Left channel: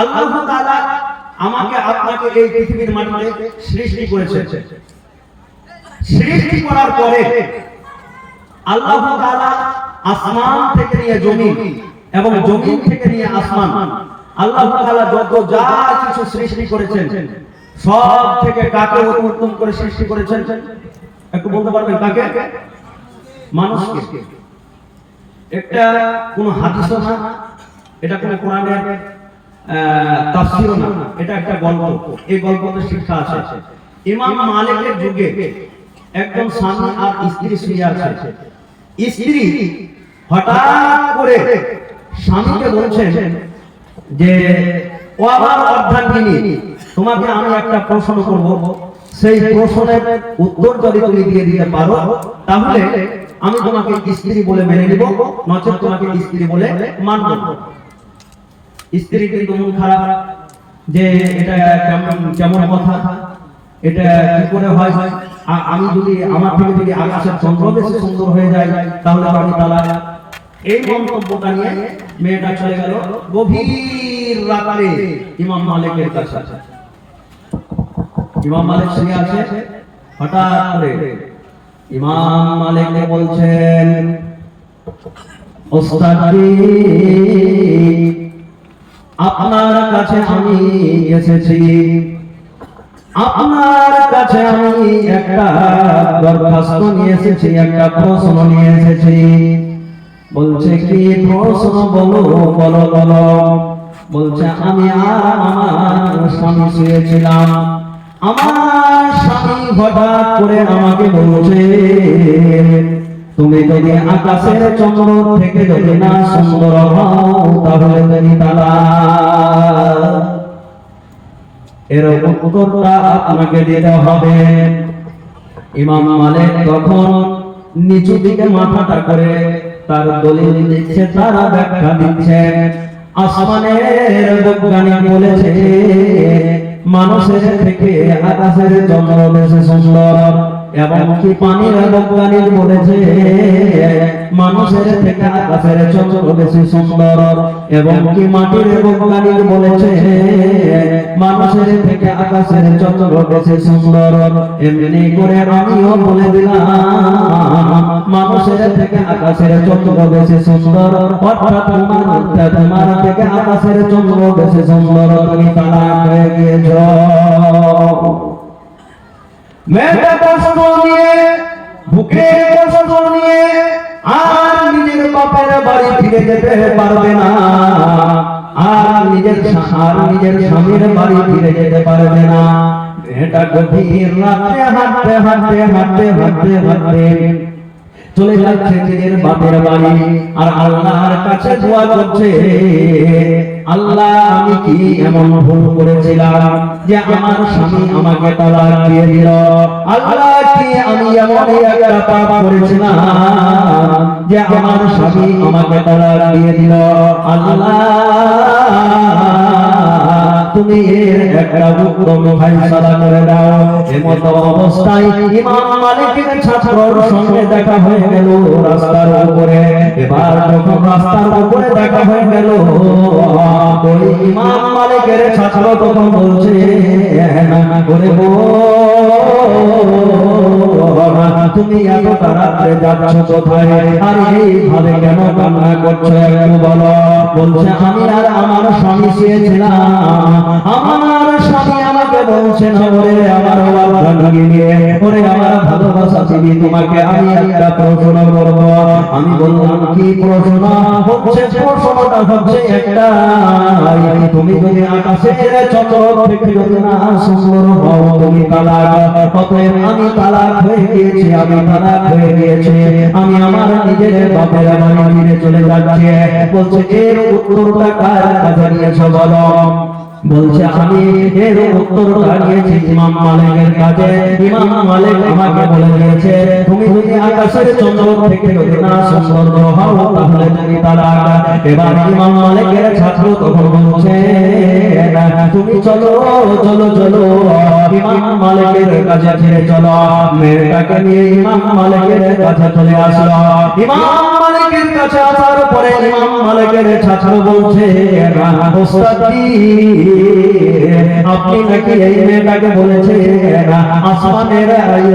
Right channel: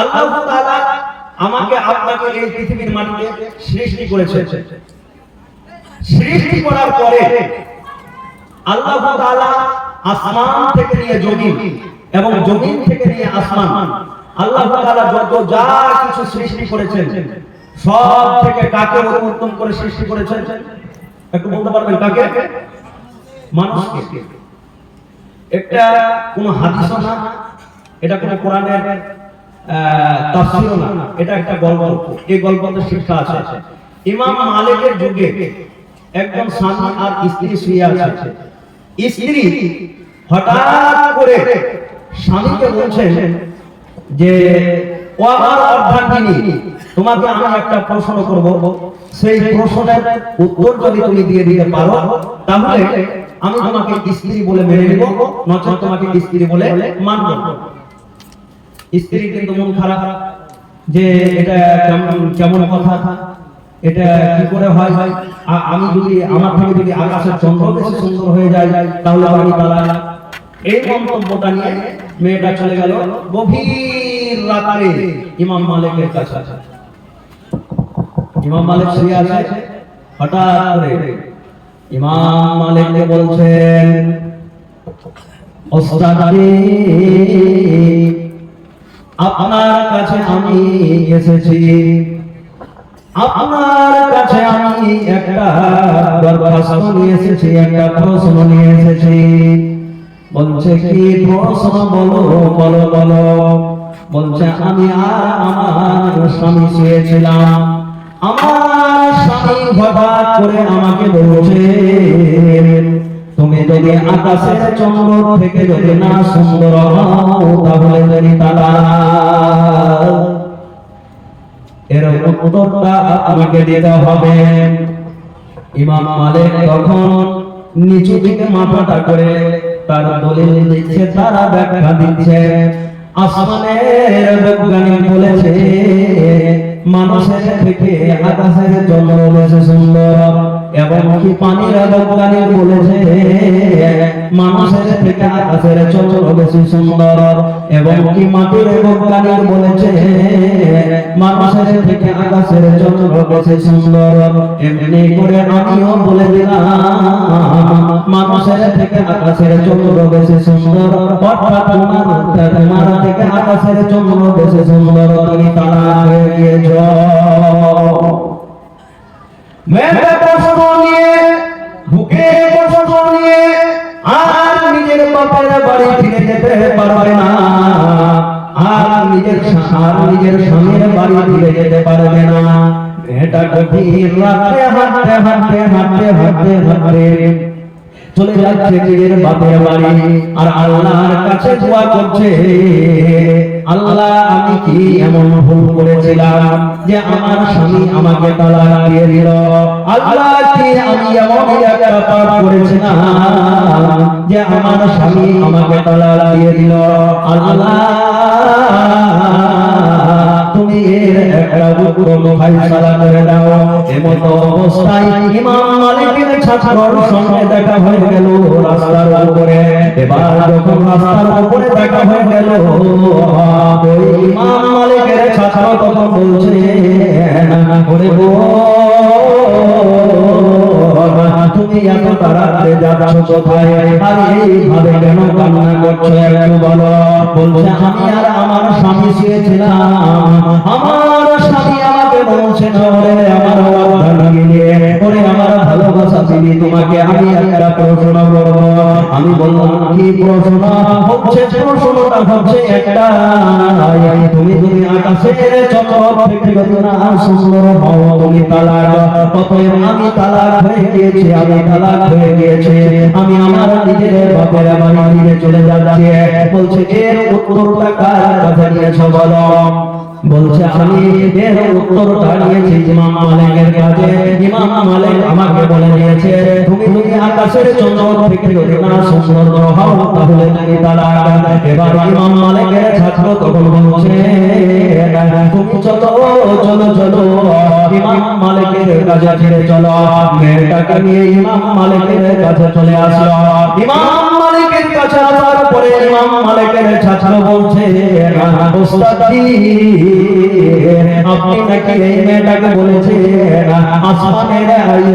আল্লাহ তাআলা আমাকে আপনাকে এই পৃথিবীর মাটিতে সৃষ্টি করেছেন সৃষ্টি করার পরে আল্লাহ তাআলা আসমান থেকে নিয়ে জমিন এবং জমিন থেকে নিয়ে আসমান, আল্লাহ তাআলা যত যা কিছু সৃষ্টি করেছেন, সব থেকে কাকে উত্তম করে সৃষ্টি করেছেন? একটু বলতে পারবেন কাকে? মানুষকে। একটা কোন হাদিসও না এটা কোন কোরআনের তাফসীরও এটা একটা গল্প। এই গল্পতে শিক্ষা আছে। ইমাম মালিকের যুগে একজন স্বামী আর স্ত্রী শুয়ে আছে। স্ত্রী হঠাৎ করে স্বামীকে বলছেন যে, ও আমার অর্ধাঙ্গিনী, তোমাকে আমি একটা প্রশ্ন করব। সেই প্রশ্নের উত্তর যদি তুমি দিয়ে দিতে পারো, তাহলে আমি তোমাকে স্ত্রী বলে মেনে নেব, নচেত তোমাকে স্ত্রী বলে মানব। স্ত্রী কিন্তু মন খারাপ যে এটা কেমন কেমন কথা, এটা কি করে হয় হয়? আমি যদি আমার থেকে যদি আকাশের চন্দ্র বেশি সুন্দর হয়ে যায়, তাহলে আমি তারা এই মন্তব্যটা নিয়ে মেয়েটা চলে গেল গভীর রাতে ইমাম মালিকের কাছে। ইমাম মালিক শুয়ে আছে, হঠাৎ ইমাম মালিককে বলছেন, ওস্তাদি আপনার কাছে আমি এসেছি। আপনার কাছে আমি একটা দরখাস্ত নিয়ে এসেছি, একটা প্রশ্ন নিয়ে এসেছি। বলছে, কি প্রশ্ন বলো? বলো বলো। বলছে, আমি আর আমার স্বামী শুয়েছিলাম। আমার স্বামী হঠাৎ করে আমাকে বলছে তুমি যদি আকাশের চন্দ্র থেকে যদি না সুন্দর হও তাহলে তুমি তারা এর উত্তরটা আপনাকে দিতে হবে। ইমাম মালিক তখন নিচু দিকে মাথাটা করে তার দলিল দিচ্ছে, তারা ব্যাখ্যা দিচ্ছে, আসমানের বৈজ্ঞানিক বলেছে মানুষের থেকে আকাশের জন্ম বেশি সুন্দর এবং কি পানির বৈজ্ঞানিক বলেছে। মানুষের থেকে আকাশের চন্দ্র বেশি সুন্দর, এবং কি মাটির বৈজ্ঞানিক বলেছে? মানুষের থেকে আকাশের চন্দ্র বেশি সুন্দর, এমনি করে আমিও বলে দিলাম, মানুষের থেকে আকাশের চন্দ্র বেশি সুন্দর। অর্থাৎ তোমার থেকে আকাশের চন্দ্র বেশি সুন্দর, তুমি তারা গিয়েছ মেয়েটা কষ্ট নিয়ে বুকে বাপের বাড়ি ফিরে যেতে পারবে না। আর নিজের আর নিজের স্বামীর বাড়ি ফিরে যেতে পারবে না। মেয়েটা গভীর রাতে হাঁটতে হাঁটতে হাঁটতে হাঁটতে হাঁটতে চলে যাচ্ছে নিজের বাপের বাড়ি। আর আল্লাহর কাছে দোয়া করছে, আল্লাহ, আমি কি এমন ভুল করেছিলাম যে আমার স্বামী আমাকে তালাক দিয়ে দিল? আল্লাহ, কি আমি এমন একটা পাপ করেছিলাম? যে আমার স্বামী আমাকে তালাক দিয়ে দিল আল্লাহ তুমি এর একটা উত্তম ফাইসালা করে দাও এমত অবস্থায় ইমাম মালিকের ছাত্রর সঙ্গে দেখা হয়ে গেল রাস্তার উপরে এবার যখন রাস্তার উপরে দেখা হয়ে গেল ওই ইমাম মালিকের ছাত্র তখন বলছে করে তুমি এত তাড়াতাড়ি যাচ্ছ কোথায়? আর এইভাবে কেন কান্না করছ একটু বলো? বলছে, আমি আর আমার স্বামী শুয়েছিলাম। আমার স্বামী আমাকে বলছে শহরে আমার ওরে আমার ভালোবাসা চিনি তোমাকে, আমি একটা প্রশ্ন করব। আমি বললাম, কি প্রশ্ন? হচ্ছে প্রশ্নটা হচ্ছে একটা। তুমি যদি আকাশের থেকে না সুন্দর তুমি তালাক। অতএব আমি তালাক হয়ে গিয়েছি, আমি তালাক হয়ে আমার নিজের বাপের আমার চলে যাচ্ছি। বলছে উত্তরটা কার? কাছে নিয়েছে বলো? বলছে, আমি এর উত্তরটা নিয়েছি ইমাম মালিকের কাছে। ইমাম মালিক আমাকে বলে দিয়েছে, তুমি যদি আকাশের চন্দ্র থেকে না সুন্দর হও, তাহলে তুমি তালাক এবার ইমাম মালিকের ছাত্র তখন বলছে, তুমি চলো চলো চলো ইমাম মালিকের কাছে ফিরে চলো, মেয়েটাকে নিয়ে ইমাম মালিকের কাছে চলে আসলো ইমাম মালিকের কাছে ইমাম মালিকের ছাত্র বলছে আপনি নাকি এই মেয়েটাকে বলেছেন আসমানের এই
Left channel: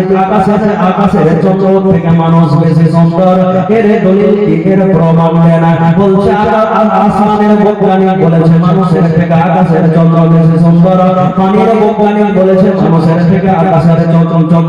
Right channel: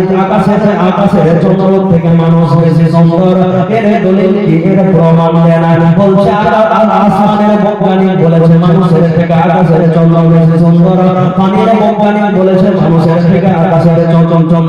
আকাশের চন্দ্র থেকে মানুষ বেশি সুন্দর। এর দলিল কি? এর প্রমাণ দেন। বলছে আসমানের বৈজ্ঞানিক বলেছে, মানুষের থেকে আকাশের চন্দ্র বেশি সুন্দর। পানির বৈজ্ঞানিক বলেছে, মানুষের থেকে আকাশের চন্দ্র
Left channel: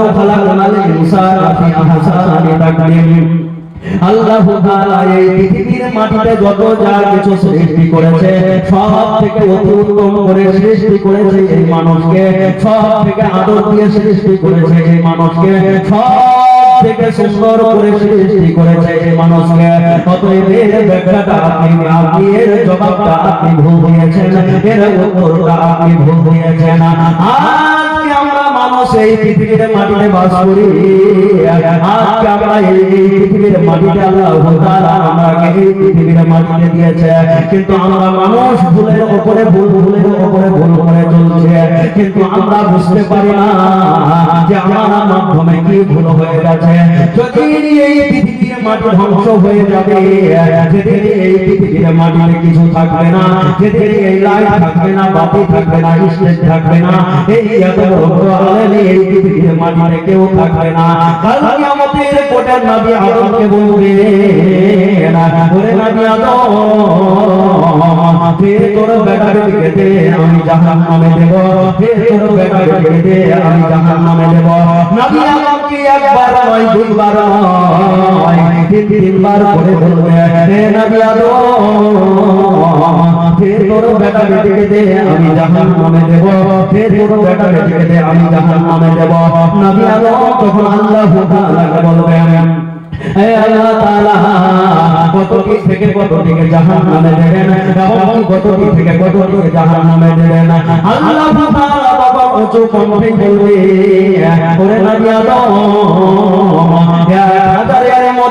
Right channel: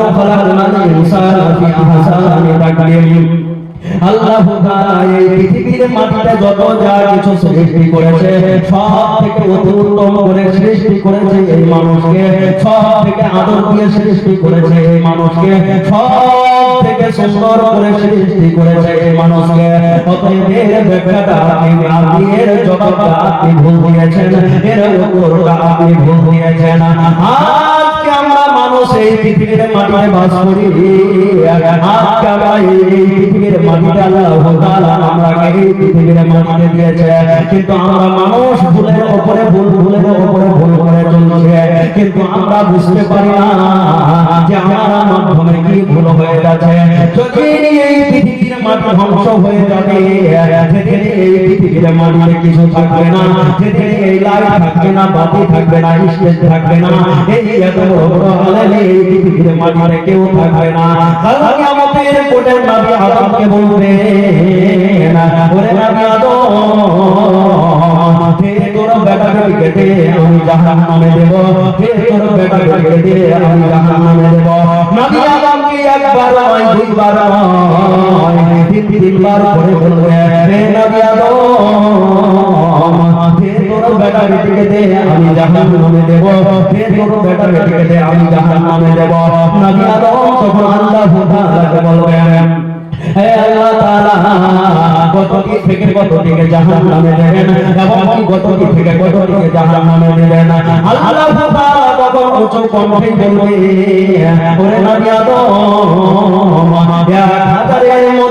আল্লাহ এই পৃথিবীর মাটিতে যত যা কিছু সৃষ্টি করেছে, সব থেকে অতি উত্তম করে সৃষ্টি করেছে এই মানুষকে, সব থেকে আদর দিয়ে সৃষ্টি করেছে এই মানুষকে, সব থেকে সুন্দর করে সৃষ্টি করেছে এই মানুষকে। অতএব এর ব্যাখ্যাটা আপনি আপনি এর জবাবটা আপনি ভুল দিয়েছেন, এর উত্তরটা আপনি ভুল দিয়েছেন। মানুষ এই পৃথিবীর মাটিতে বাস করি। আমরা এই পৃথিবীর মাটিতে আল্লাহ তাআলা আমাকে এই পৃথিবীর মাটিতে দিয়েছে। কিন্তু আমরা মানুষ ভুলের উপরে ভুল, ভুলের উপরে ভুল করে চলছে। কিন্তু আমরা বুঝতে পারি না যে আমার মাধ্যমে কি ভুল হয়ে গেছে যদি এই পৃথিবীর মাটি ধ্বংস হয়ে যাবে যেদিন এই পৃথিবীর মাটিতে কিছু থাকবে না যেদিন এই লাইট থাকবে না, বাতি থাকবে স্টেজ থাকবে না। এই এত বড় এই পৃথিবীর মাটিতে কেউ থাকবে না। আমি জাহান্নামে আমি জাহান্নামে দেব নবী আদম তখন আল্লাহ তাআলাকে বলবেন হে আল্লাহ তাআলা কত দিক থেকে কত দিকে জাহান্নামে দেবেন এবং কত দিক থেকে কত দিকে জাহান্নামে দেবেন আল্লাহ তাআলা তখন উচ্চ কণ্ঠে বলবে ওরে নবী আদম হাজারের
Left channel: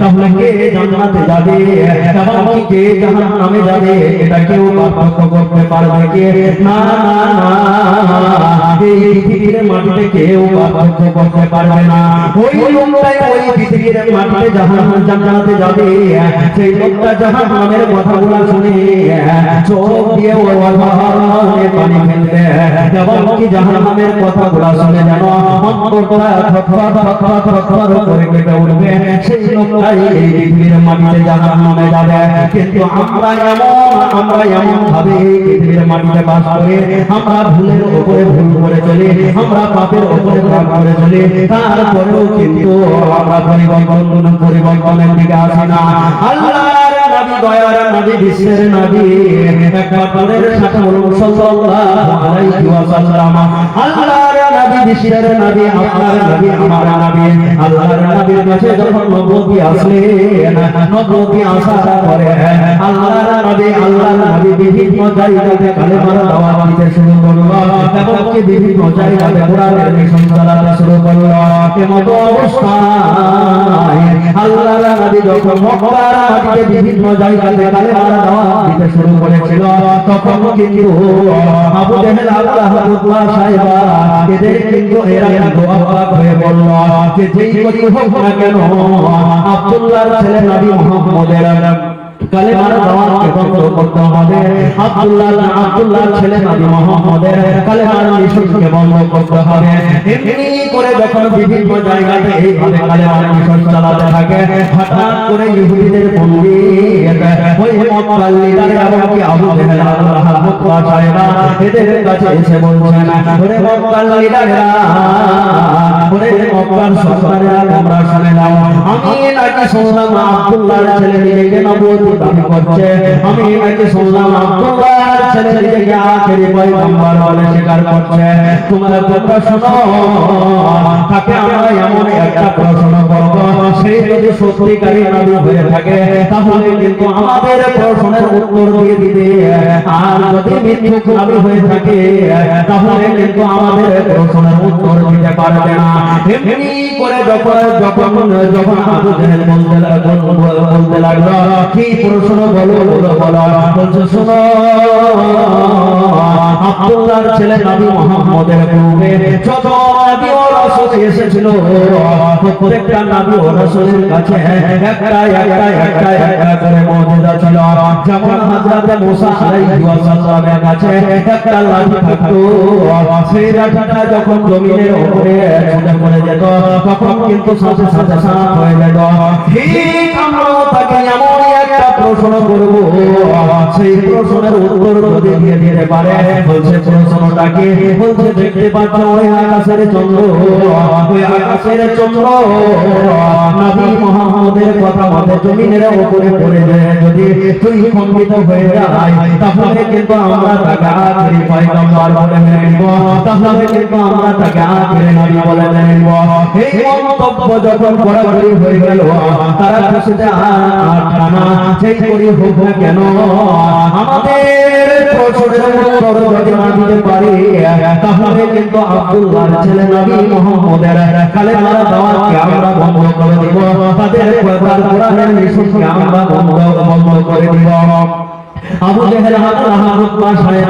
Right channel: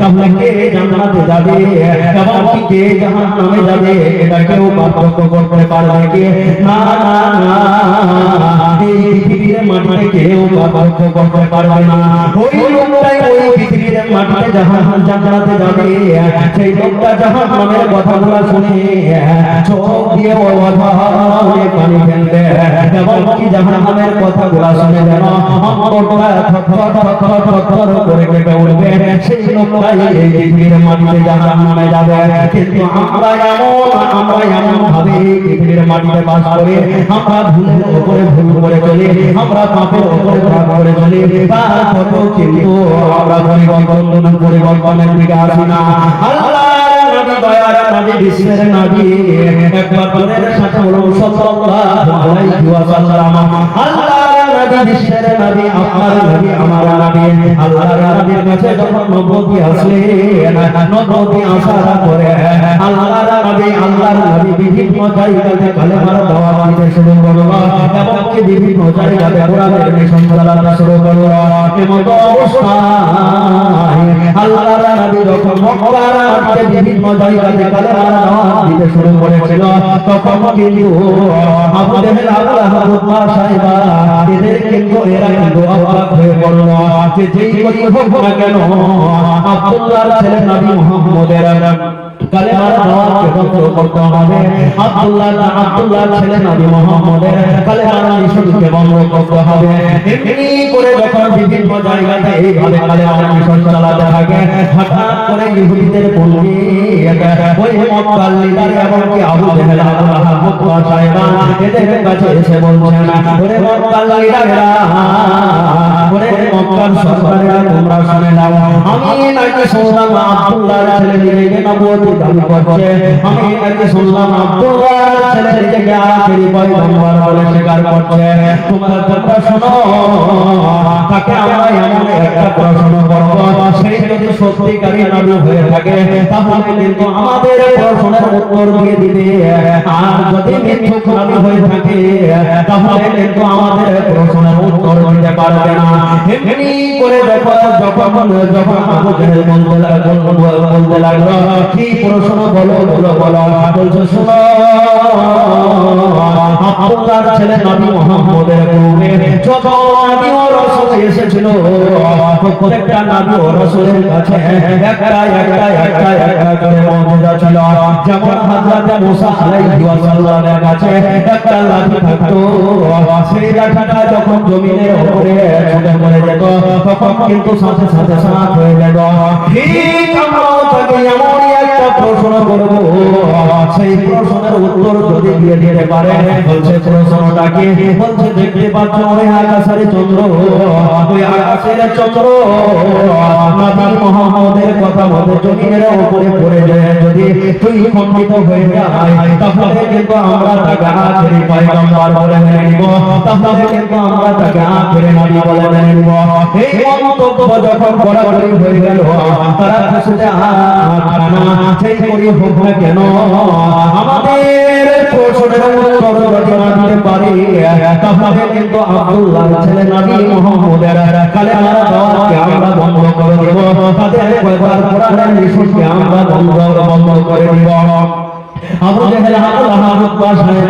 তাহলে কে জান্নাতে যাবে এবং কে জাহান্নামে কে? না পারবে না। ওই লোকটাই ওই পৃথিবীর মাটিতে যাবে। সেই লোকটা শুনে, চোখ দিয়ে অভাবে পানি ফেলবে। এবং কি শুনে যেন অন্তরটা থরথর থরথর থরথর করে কেঁপে উঠবে সেই লোকটাই এই পৃথিবীর মাটিতে জাহান্নামে যাবে কিন্তু আমরা এমন আমরা এমন ভাবে পৃথিবীর মাটিতে বাস করি আমরা ভুলের উপরে ভুল করে চলি আমরা পাপের উপরে পাপ করে চলি তারপরেও কিন্তু আমরা পরিবর্তন পরিবর্তনের দিকে আসি না আল্লাহর নবী বিশ্বের নবী একবার পরের সাথে সাল্লাল্লাহু আলাইহি ওয়াসাল্লাম নবী আমার নবী আমার নবী আল্লাহর নবীর কাছে যখন নবী আসলেন নবী আসার পরে আল্লাহর নবী আল্লাহর নবী বিভিন্ন জায়গাতে কালেমার দাওয়াত দিতে শুরু করল এবং কি বিভিন্ন জায়গাতে কোরআনের মিশন চালাতে শুরু করল এমত অবস্থায় আল্লাহর নবী যখন মক্কার মাটিতে বিভিন্ন জায়গাতে কালেমার দাওয়াত দিতে শুরু করেছিল তখন কিন্তু আবু জেহেল হয়ে পড়ল যে কালেমার দাওয়াতকে বন্ধ করতে হবে। আব্দুল্লাহ আব্দুল্লাহ ছেলে নবী মুহাম্মদের কালেমার মিশনকে বন্ধ করতে হবে। এমনি করে যখন বিভিন্ন জায়গাতে এইভাবে কালেমার মিশন চালাতে থাকে, হঠাৎ করে ইহুদিদের বলি, ওই মক্কার এবং কি আবু জেহেল, আবু লাহাব ওয়া এদের কাছে এসে বলছেন, ওরে মক্কার ওরে মক্কার সরকারেরা আব্দুল্লাহর ছেলে করছে আমি এটাকে শুনলাম আব্দুল্লাহর ছেলে নিজেকে আখেরি পয়গম্বর বলে স্বীকার করছে। তোমরা তাকে আমরা এমন একটা প্রশ্ন করব সেই যদি সত্যিকারী হয়ে থাকে, তাহলে কিন্তু আমাদের প্রশ্নের উত্তর দিয়ে দিবে। আর যদি নবী হয়ে থাকে, তাহলে কিন্তু আমাদের প্রশ্নের উত্তর দিতে পারবে না। করে যখন যখন যখন আমাদের বলতে লাগল, কি প্রশ্ন বলো বলো বলো। বলছে আপনার ছেলে নবী মোহাম্মদের যত নবী ও রাসূল এসেছিল, প্রত্যেকটা নবী ও রাসূলের কাছে একটা একটা একটা একটা করে মুজিজা ছিল। যখন হযরত মুসা আলাইহিস সালামের কাছে একটা লাঠি থাকতো, সেই লাঠিটা যখন জমিনের উপরে পড়ে যেত তখন কিন্তু সাথে সাথে সাথ হয়ে গেল। ঠিক আমরা করব সেই প্রশ্নের উত্তর যদি দিয়ে দিতে পারে বলছে প্রশ্নটা বলছে দেখতে পাচ্ছ ওই আকাশের চন্দ্র ওই আকাশের চন্দ্র নবী মুহাম্মদের কথা মতে জমিনের উপরে পড়ে যায় যদি তুই খণ্ডিত হয়ে যায় তাহলে কিন্তু আমরা তাকে আখেরি পয়গম্বর বলে মেনে নিব তাহলে কিন্তু আমরা তাকে আখেরি নবী বলে মেনে নিব এই মন্তব্য যখন কড়াকড়ি হয়ে গেল তারা খুশিতে সেই করি হোক না কেন। আমাদের প্রশ্নের উত্তর না দিতে পারি। তাহলে কিন্তু আব্দুল্লাহ ছেলে নবী মুহাম্মদের কালেমা দাওয়াতকে আমরা বন্ধ করে দেব। তাদের প্রচার কোরআনের মিশনকে আমরা বন্ধ বন্ধ করে দেব। আমাদের হাত হাত বসায় না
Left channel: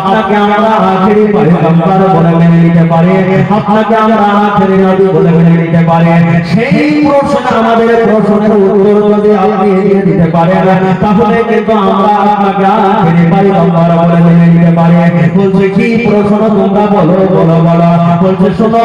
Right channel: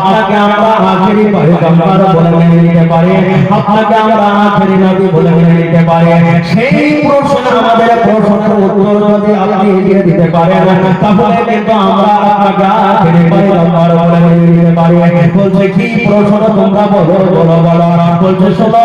আপনাকে আমরা আখেরি পয়গম্বর বলে মেনে নিতে পারি। আপনাকে আমরা আখেরি নবী বলে মেনে নিতে পারি। সেই প্রশ্ন আমাদের প্রশ্নের উত্তর যদি আপনি দিয়ে দিতে পারেন তাহলে কিন্তু আমরা আপনাকে আখেরি পয়গম্বর বলে মেনে নিতে পারি। বলছে, কি প্রশ্ন তোমরা বলো বলো বলো। বলছে, শোনো।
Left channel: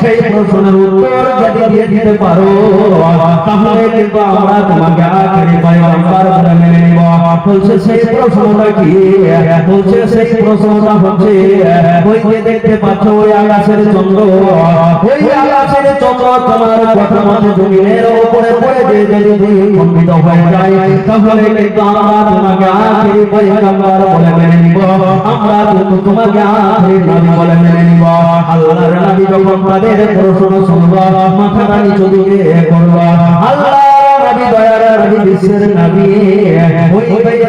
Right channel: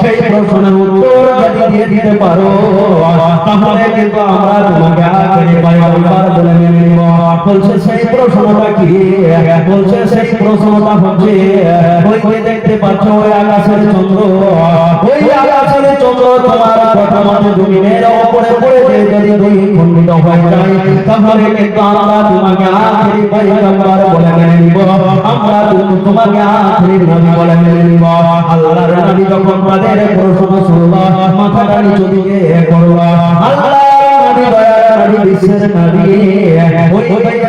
সেই প্রশ্নের উত্তর যদি দিয়ে দিতে পারো তাহলে কিন্তু আমরা তোমাকে আখেরি পয়গম্বর বলে মেনে নিব বলছে সেই প্রশ্নটা কি বলছে সেই প্রশ্নটা হচ্ছে ওই যে দেখতে পাচ্ছ ওই আকাশের চন্দ্র ওই আকাশের চন্দ্র তোমার কথা মতো জমিনের উপরে পড়ে যে যদি দুই খণ্ডিত হয়ে যায় তাহলে কিন্তু আমরা তোমাকে আখেরি পয়গম্বর বলে মেনে নিব আমরা কিন্তু তোমাকে আখেরি নবী বলে মেনে নিব আল্লাহর নবী যখন তাদের প্রশ্ন শুনলো মাথাটা নিচু দিকে করল বিশ্বের নবী ওই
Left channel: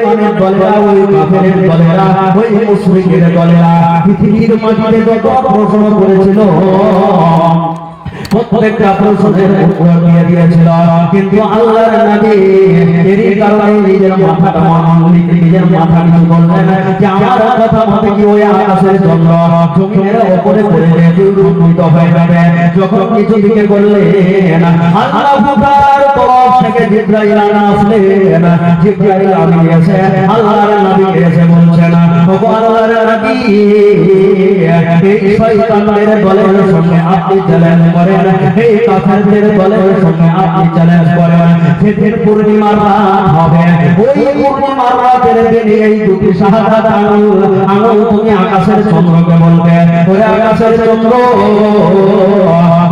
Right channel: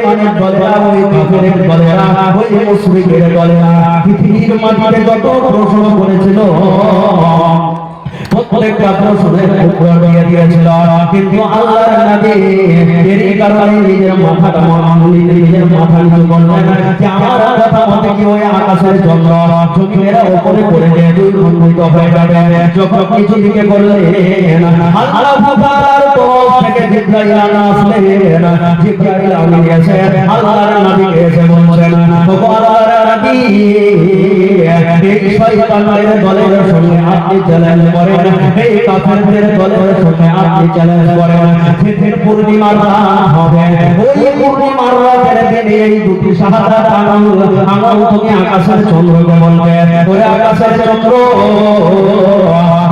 মানে দলেরা ওই কাফেরের দলেরা ওই মুশরিকের দলেরা পৃথিবীর মাটিতে যত প্রশ্ন করেছিল প্রত্যেকটা প্রশ্নের দিয়ে দিয়েছিল। কিন্তু আল্লাহর নবী এরই কারণে নিজের মাথাটা নিজের মাথা নিচু করলেন। যে আমার কথা মতে কি ওই আকাশের জন্য চোখের ওপরে পড়ে যে দুর্গত হয়ে যাবে। যখন কিছু দিকে করলেন আল্লাহ তরফ থেকে জিব্রাইল আসলেন জিব্রাইল আমি গেছে আল্লাহর নবী এসে বলছেন আল্লাহর নবী এই শয়তানের দলের সঙ্গে আপনি চ্যালেঞ্জ করেন এই কাফেরদের দলের সঙ্গে আপনি চ্যালেঞ্জ করেন ফের পূর্ণিমার রাত হবে। ওই পূর্ণিমার রাতের দিনে এই দুটি সাহায্য আঙুল আঙুল তুমি আকাশের চন্দ্রকে বলবে ওই আকাশের চন্দ্র,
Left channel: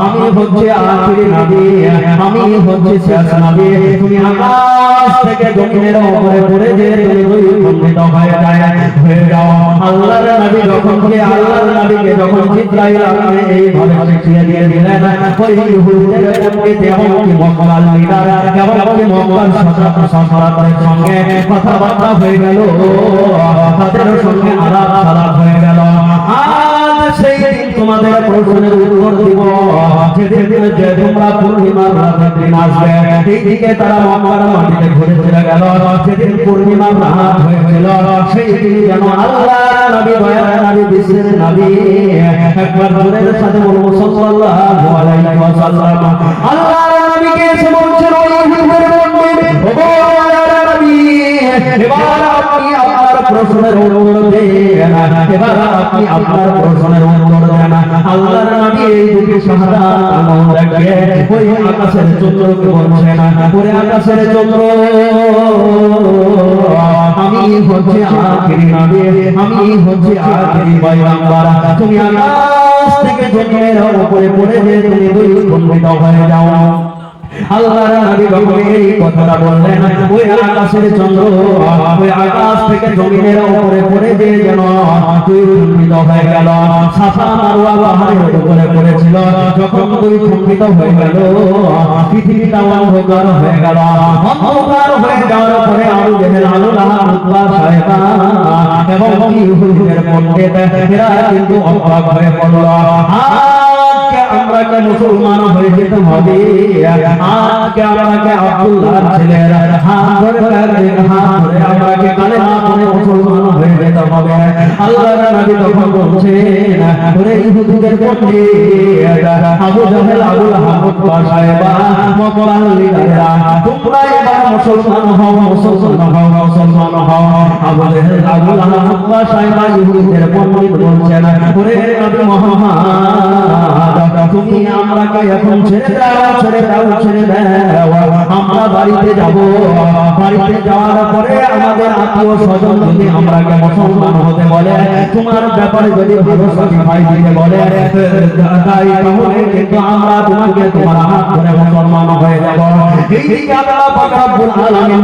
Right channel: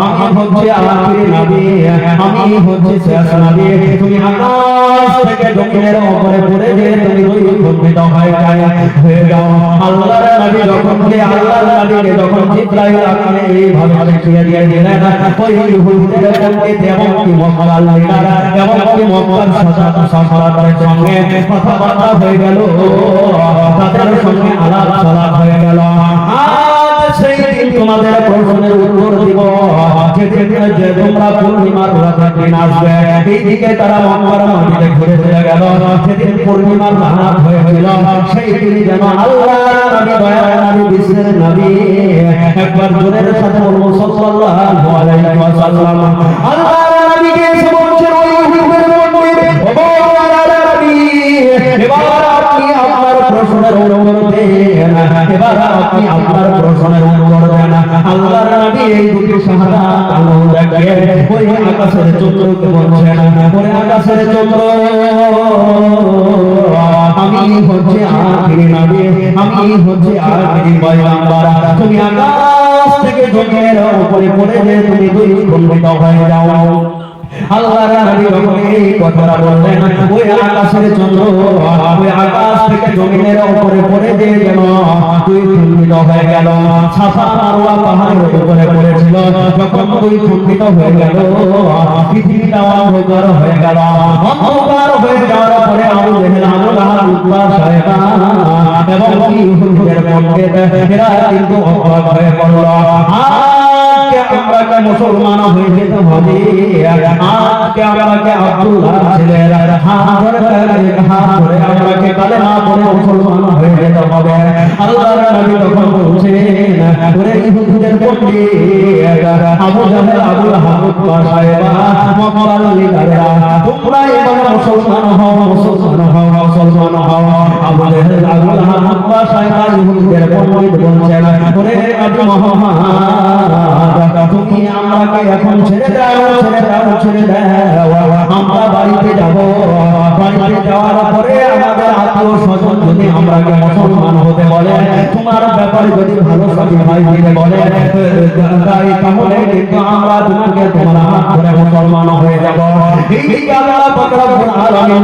আমি হচ্ছে আখির নবী, আমি হচ্ছে শেষ নবী। তুমি আকাশ থেকে জমিনের উপরে পড়ে যে তুমি দুই হয়ে যায়। হয়ে যাও। আল্লাহর নবী যখন তুমি আল্লাহর নবীকে যখন জিব্রাইল আকারে এইভাবে শিখিয়ে দিয়ে দিলেন, ওই ইহুদিদের সঙ্গে যেমন কি মক্কার লিডার যেমন কি মক্কার সজাত সম্রাটের সঙ্গে কথাবার্তা হয়ে গেল তাদের সঙ্গে আলাপ সালাপ হয়ে গেল। সেই দিন তোমাদের প্রশ্নের উত্তর দিব। যেদিন যে তোমরা পূর্ণিমার রাতে দিন আসবে এইদিকে তারা মক্কার মাটিতে ঘুরে ফিরে গেল। সেদিন পূর্ণিমার রাত হয়েছিল সেই দিন যেন একবার জোরের সাথে সাল্লাল্লাহু আলাইহি ওয়াসাল্লাম। আল্লাহ নবীকে সমস্ত হিন্দুদের মধ্যে নবী এবার আপনি আমার প্রশ্নের উত্তর দেন। এবার আপনি আপনার প্রশ্নের আকাশের ওরে আকাশের চন্দ্র। আমি হচ্ছে আখিরি নবী আমি হচ্ছে আখিরি পয়গম্বর তুমি আকাশ থেকে জমিনের উপরে পড়ে যে তুমি দুই খণ্ডিত হয়ে যাও। আল্লাহ নবী যখন এই কথাটা বললেন ওই আকাশের চন্দ্র ওই আকাশ থেকে জমিনের উপরে পড়ে যে যেন দুই খণ্ডিত হয়ে গেল সাফা মারওয়া পাহাড়ের উপরে পড়েছিল যখন দুই খণ্ডিত হয়ে গেল পৃথিবীটা অন্ধকার হয়ে গেল অন্ধকার হয়ে যাওয়ার পরে আবু জেহেল আল্লাহ সাহেবা এবং কি হুজুরের মধ্যে এরা কিন্তু অবাক হয়ে গেল আমরাকে মুসলমান হয়ে যেতে হবে আজকে আমাকে আব্দুল্লাহ ছিলেন হাত ধরে হাত ধরে আমাকে কালেমা পড়ে মুসলমান হয়ে যেতে হবে। আল্লাহর নবী তখন বলছেন, ওরে ইহুদিদের মধ্যে আবু জাহেল, আবু লাহাব সাহেবা মক্কার লিডাররা তোমরা এবার মুসলমান হও আবু জাহেল আবু ইহুদিদের মধ্যে বলছেন ওরে নবী মুহাম্মদ তুমি আমাকে এখন ছেড়ে দাও ছেড়ে দাও ছেড়ে দাও। আমরা বাড়িতে যাব। বাড়িতে যাওয়ার পরে আমাদের আত্মীয় স্বজন যদি আমরা জ্ঞান সম্মান হতে বলে, তোমার ব্যাপারে যদি ভালো স্বামী ভাই হইতে বলে, তাই তাহলে কিন্তু আমরা তোমাকে তোমার আত্মীয় সম্মান হয়ে যাব। এই আল্লাহ পাক রব্বুল আলামিন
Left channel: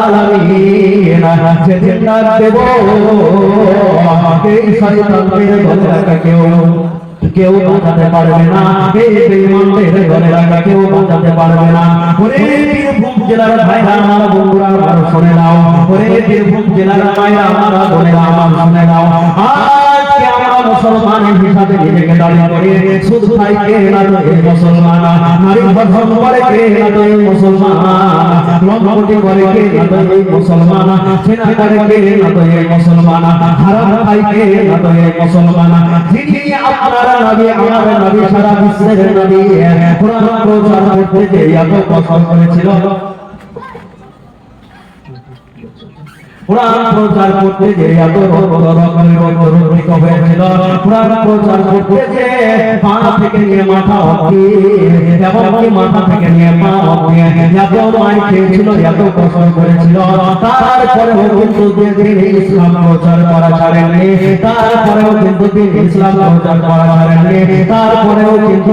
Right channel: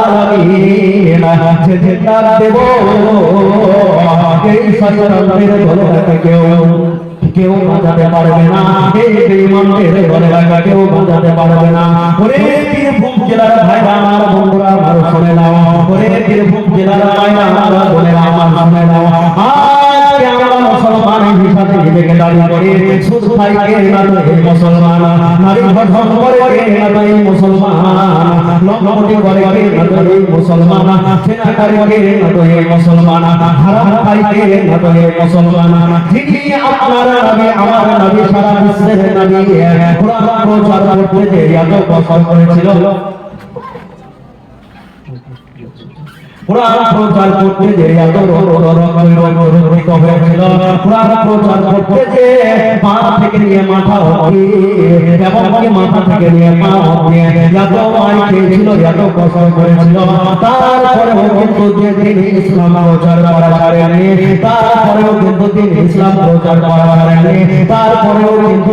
আলামিন যে যে ডাক দেব। এই শয়তানদের দলে লাগা কেউ কেউ বোঝাতে পারবে না। এই বেঈমানদের কেউ বোঝাতে পারবে না। নয় মুসলমান, হারাম খাইতে নয় মুসলমান। যিনি আপনার নবী আমার নবী সারা বিশ্বের নবী কোরআন প্রচার করতে এত কষ্ট করেছিল। কোরআন প্রচার করতে যে এত রক্ত হয়েছিল প্রচার করতে যে পা থেকে নিয়ে মাথা এমনকি মাথা থেকে নিয়ে পা অব্দি এত মাই খেয়েছিল এত কষ্ট করেছিল তারপরেও কিন্তু তারপরেও কিন্তু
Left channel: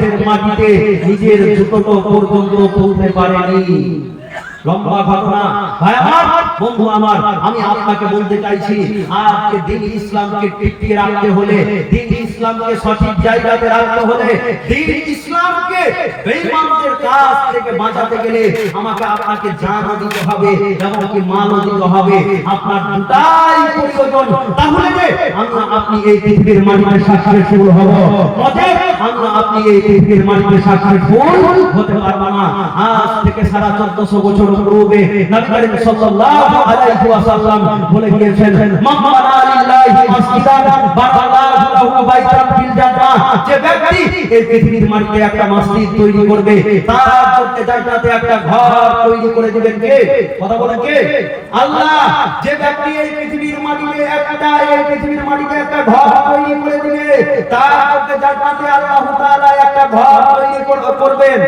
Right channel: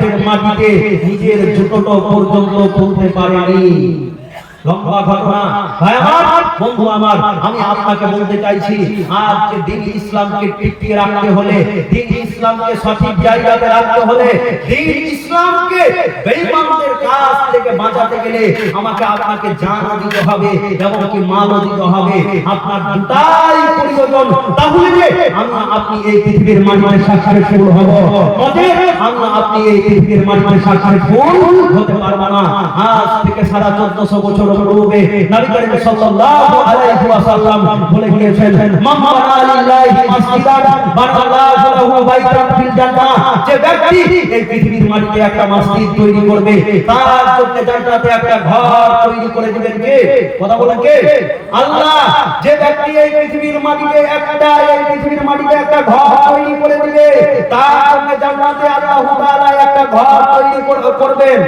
তাইফের মাটিতে নিজের জুতো পর্যন্ত তুলতে পারেনি। লম্বা ঘটনা। বন্ধু আমার, আমি আপনাকে বলতে চাইছি, আজকে দিন ইসলামকে টিকিয়ে রাখতে হলে, দিন ইসলামকে সঠিক জায়গাতে রাখতে হলে, দিন ইসলামকে বেঈমানদের কাছ থেকে বাঁচাতে গেলে আমাকে আপনাকে জানও দিতে হবে এবং কি মানও দিতে হবে। আপনার দুটাই প্রয়োজন। তাহলে যে আপনি এই পৃথিবীর মাটিতে সাকসেসফুল হব। অতএব আপনি এই পৃথিবীর মানুষের সাথে ভুল হতে পারব না। আজ থেকে সারা চোদ্দশো বছর পূর্বে নবী সাল্লাল্লাহু আলাইহি ওয়াসাল্লাম বলে গিয়েছেন মান বানা লিল্লাহি বানাল্লাহু যে ব্যক্তি এই পৃথিবীর মাটিতে একটা মসজিদ তৈরি করবে, তার চলতে জান্নাতে একটা ঘর তৈরি করে দিবেন কে? কথা বলেন কে? আল্লাহ, যে ব্যক্তি এই পৃথিবীর মাটিতে একটা, এই পৃথিবীর মাটিতে একটা ঘর তৈরি করে দিবে, তার চলতে তাআলা একটা ঘর তৈরি করবেন।